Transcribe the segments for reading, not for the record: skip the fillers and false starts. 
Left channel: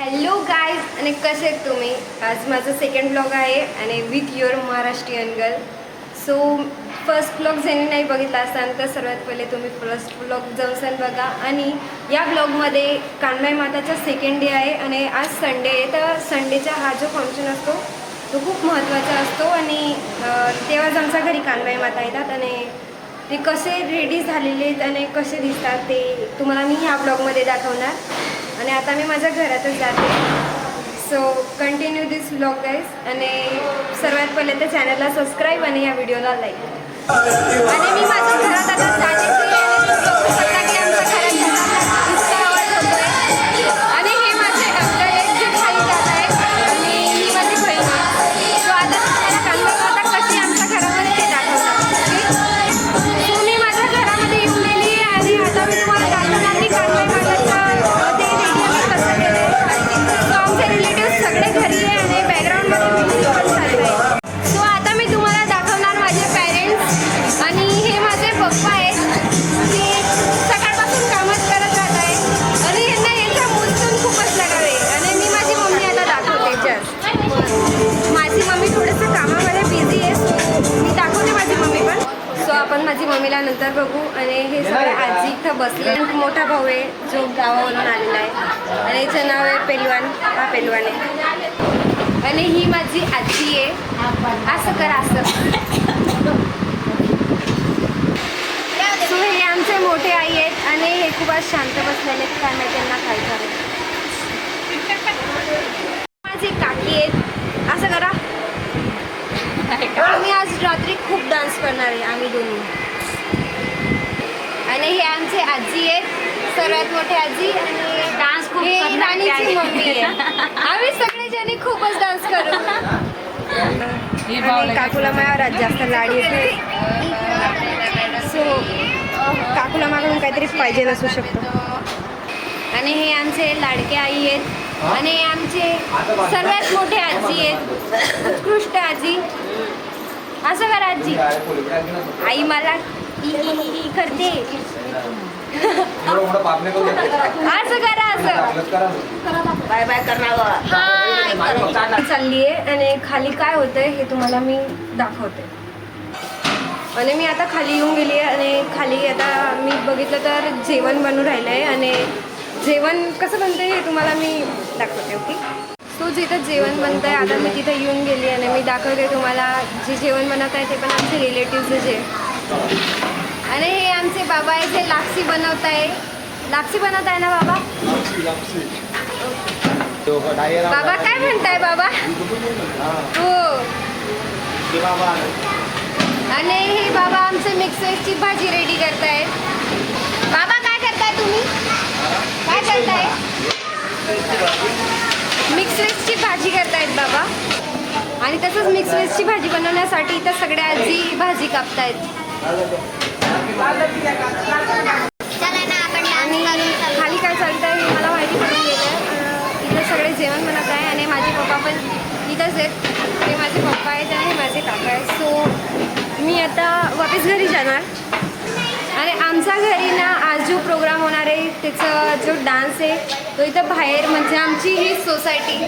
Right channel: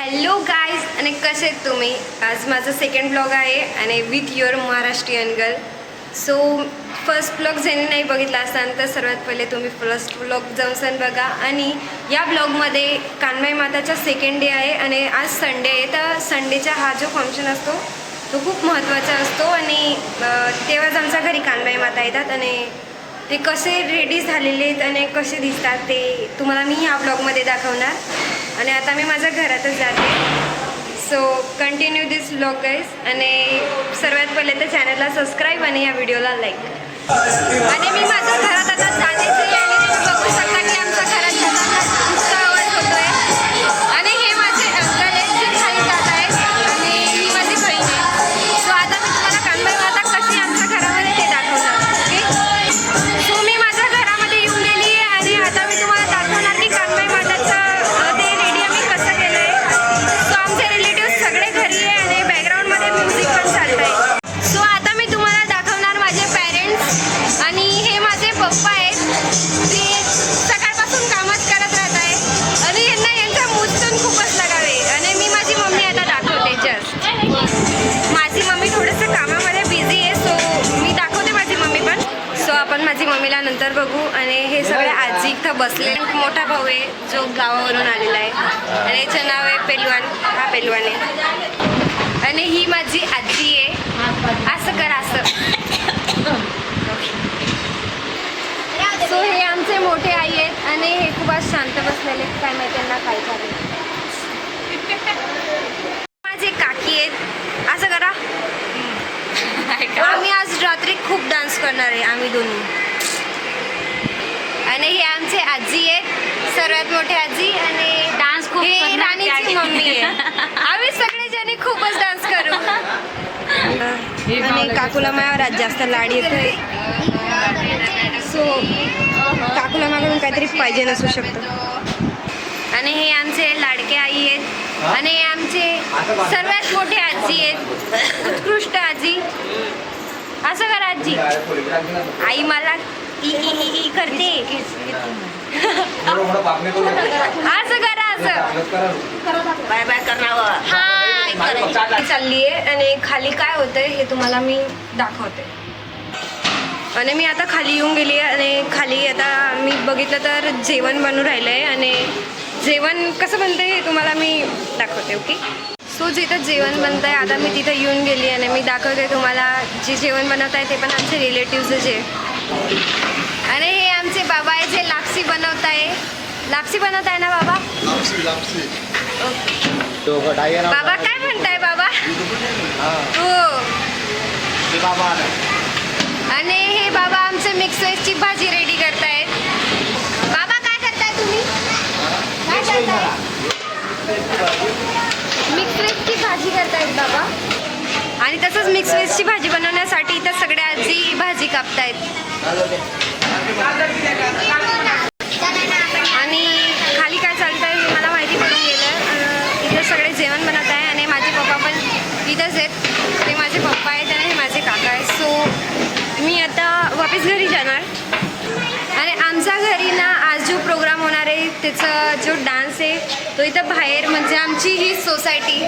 Hello guys आणि कसे आहेत तुम्ही. आज माझं सेकंड ब्लॉग आहे आणि with your Maharashtrian girl. So first blog ज्यांनी नाही बघितला असताना तर सर्वात पहिले तुम्ही फर्स्ट ब्लॉग जाऊन बघा. आणि या ब्लॉगमध्ये कानबाई माताचा सेकंड डे आहे आणि आज संडे आहे. तर संडेचा हा जो फंक्शन असतो तो खूप महत्त्वाचा असतो आणि तेव्हाच आमच्या घरी कानबाई माता येतात आणि ते कसे रेडी झालेले आहेत आणि कसे दिसतात ते तुम्हाला मी ह्या ब्लॉगमध्ये दाखवणार. आणि आता मी माझ्या घरातच जाते. सो कंटिन्यू दिस व्लॉग गाईज. आणि सर्वात पहिले तर चॅनलला सबस्क्राईब आणि या व्हिडिओला लाईक. आणि मी माझ्या घरात आता जातेच आहे आणि तुम्ही बघू शकता की आमच्या घरात जाताना इतका आवाज होतो आहे. आणि हे माझे अंकल आहेत जे खाली जात आहेत आणि ही माझी बहीण आहे. सो आता मी तुम्हाला कानबाई माता कशी आमच्या घरामध्ये ते दाखवणार. ओके, सो मी माझ्या घरामध्ये येऊन गेली आहे आणि आता मी तुम्हाला दाखवणार की कानबाई माताचं पप्पा आहेत ते सकाळपासून कामच करत राहत आहे आणि यांना यांचा मूड पण खूपच लगावे. आणि मी माझी मम्मी आता दाखवते. जस्ट माझी मम्मी थोडंसं कामामध्ये बिझी आहे. सो मी दाखवते माझी मम्मी पण. सो आपण माझी मम्मीला नंतर बघू. आणि हे सगळे आजी इथं बसले. मोठा भाऊ आहे जो गावावरून आलेला आहे आणि याचं नाव आहे पेलवान. हा पेलवान आहे. आणि ही माझी आजी आहे. असं कर असं. सो हे आमचे मोठे आई आहेत आणि हे खूप आज शांत बसलेले आहेत. काय माहिती त्यांना काय चालेल. माझे काकी आहेत. असं करा. आम्ही आज रात्री खूप डान्स करणार आहे आम्ही दोन्ही. आणि हे आमचे आजी आहेत, सर्वात मोठे आजी. आणि डान्स हे राणीची मम्मी आहे. आम्ही सगळेजणी खूपच डान्स करू. आणि काकूला माझ्यावर आज जास्त लाड येते. सो काकूला मागून काहीतरी पाहिजे नसू शकतं. आणि हे आमचे लाडके आई आहेत आणि हे आमचे सर्वात मोठे आजी आहेत, उत्कृष्ट आजी. असं करा आजी. आई मला ई करते. असं करा असं. बाय बाय करणार. हा चालली आहे. आणि खाली काय होतंय हे तुम्हाला मी दाखवते. आणि मी आता खाली येऊन गेली आहे आणि खाली आता मी बघितलं तर जेवण बनवून राहिलं आहे. आणि जेवण कसं बनतं हे तुम्हाला मी दाखवते. ओके, सो जिथं जेवण बनतं आहे आता मी तिथं येऊन गेली आणि मी दाखवते तुम्हाला जे जेवण बनवत आहे ते पण आमचे रिलेटिव्हज आहे. आणि हे आमचे बाबा आहे जे लापसी बनवत आहे. लापसी बनवत आहे ना बाबा? बाबा काय म्हणताय बाबा? हो. आणि हे बाबा आमचे मिक्स व्हेजची भाजी रेडी करतायत. बाबा काय करताय तुम्ही? काय करताय? मिक्स व्हेजची भाजी करतायत बाबा. आणि तसंच मिक्स व्हेजची भाजी बनवण्यासाठी इथं सगळ्या आजी भाजी कापतायत. आणि खाली काय चालतं आहे हे मला माहिती पडून गेलं. इथं सगळे जेवण बनवत आहे आणि माझे पप्पा पण इथंच आहेत. हे माझे पप्पा आहेत आणि हे माझे काका आहेत. सो मी आता वापस घरी जाणार. आणि आमच्या घरी ना आज जो प्रोग्राम होणार आहे त्याचा जो डान्स आहे तो इथं बाहेर म्हणजे आमची ही सोसायटी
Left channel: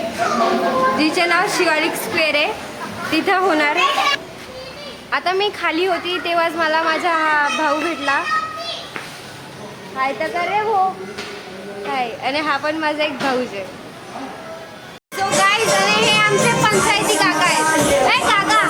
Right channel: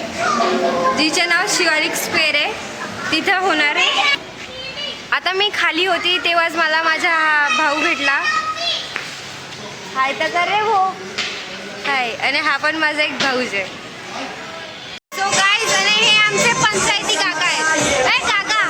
जिचे नाव शिवालिक स्क्वेअर आहे तिथं होणार आहे. आता मी खाली होती तेव्हाच मला माझा हा भाऊ भेटला. हाय तर करे हो काय. आणि हा पण माझा एक भाऊच आहे. सो गाईज आणि हे आमचे पंचायती काका आहेत. काय काका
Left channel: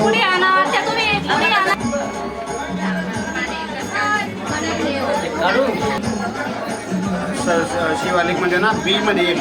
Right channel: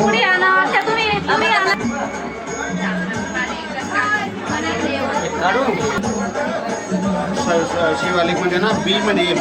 पुढे आणा त्या तुम्ही पुढे आणा काढू शिवालिक मध्ये ना बी मध्ये